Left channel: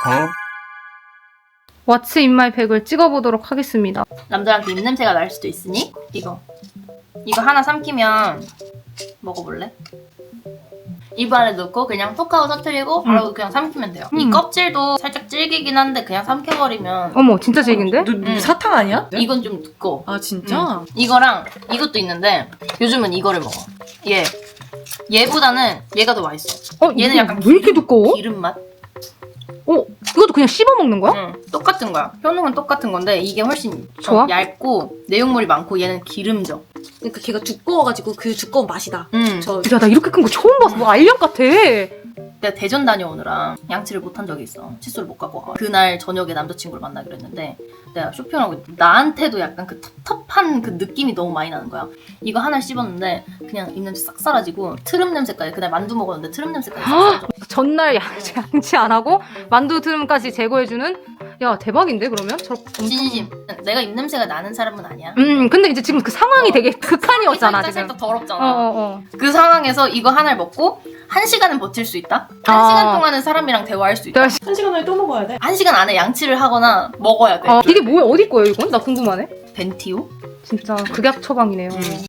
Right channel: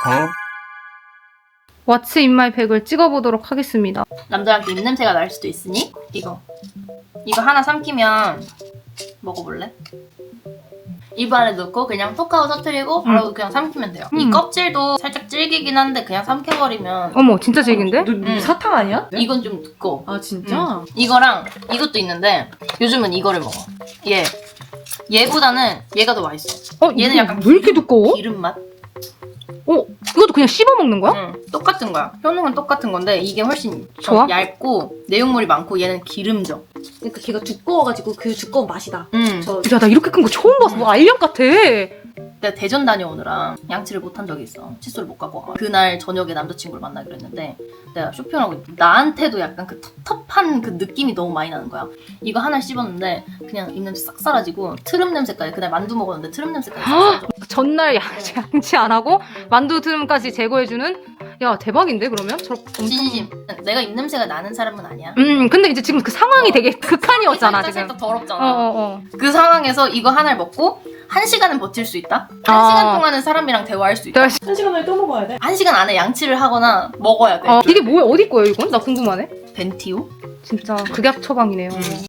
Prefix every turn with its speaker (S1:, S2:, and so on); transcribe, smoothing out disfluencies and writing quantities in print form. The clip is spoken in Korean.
S1: 왓츠 인마이 백을 찍어보도록 하겠습니다.
S2: 남자한테 입냄새가 날 수도 있으니 이거 하나 삼키면 먹어볼래? 입 안에 넣고 그냥 톡 하고 터뜨리고 바로 그냥 삼키면 돼요. 이 껍질도 살짝 질기긴 한데 그냥 삼켜버리면
S1: 어머 진짜 질긴데?
S3: 사탕 아니야?
S2: 이건 좀 두꺼워.
S3: 아 진짜?
S2: 이거랑 이것도 있는데 요즘은 이거를 먹어. 얘보다는 얘가 더 맛있어. 얘는 약간
S1: 왜 이렇게 두꺼워?
S2: 기름 맛?
S1: 이것도 그냥 씹어 먹는 거야?
S2: 응, 똑같은 거야. 효능은 똑같은 건데 이게 훨씬
S1: 좋아?
S2: 얇고 내용물이 많고 얘는 기름져.
S3: 그러니까 걔가 두꺼워가지고 그 두꺼운 맛이다.
S1: 야 나 이렇게 큰 거 처음 봤어. 너 알약 같아.
S2: 내가 대전 다녀오느라 양치를 못한 적이 있어. 칫솔을 못 갖고 와. 그날 저녁에 남자친구를 만나기로 했는데 내가 쇼핑하고 있는데 나한테도 약간 그 텁텁한 그 느낌이 너무 많이 나는 거야. 이거 하나 씹었는데 그냥 입냄새 싹 사라지고 트름 냄새까지. 그날 만두 먹었는데 트름 냄새까지 싹 사라져.
S1: 전날 양치 안 하고 만두 트름까지 제거해주는? 야 대박인데 그러면?
S2: 진심 내가 입냄새가 나는 사람은 아니야.
S1: 근데 이제 지금 그 상황이 되게 극한이었잖아 지금.
S2: 또 더럽잖아.
S1: 응.
S2: 그 상황에서 이거 하나를 먹고 1시간은 버틸 수 있다? 1시간
S1: 아.
S2: 동안은 사람이랑 대화할 수 있다.
S3: 1시간 안에 또 먹어야 돼.
S2: 1시간 안에 양치를 하거나 먹어야 돼.
S1: 이게 뭐야? 어디 거예요 이건? 나 궁금하네.
S2: 벤티오?
S1: 진짜 극약 처방이네요.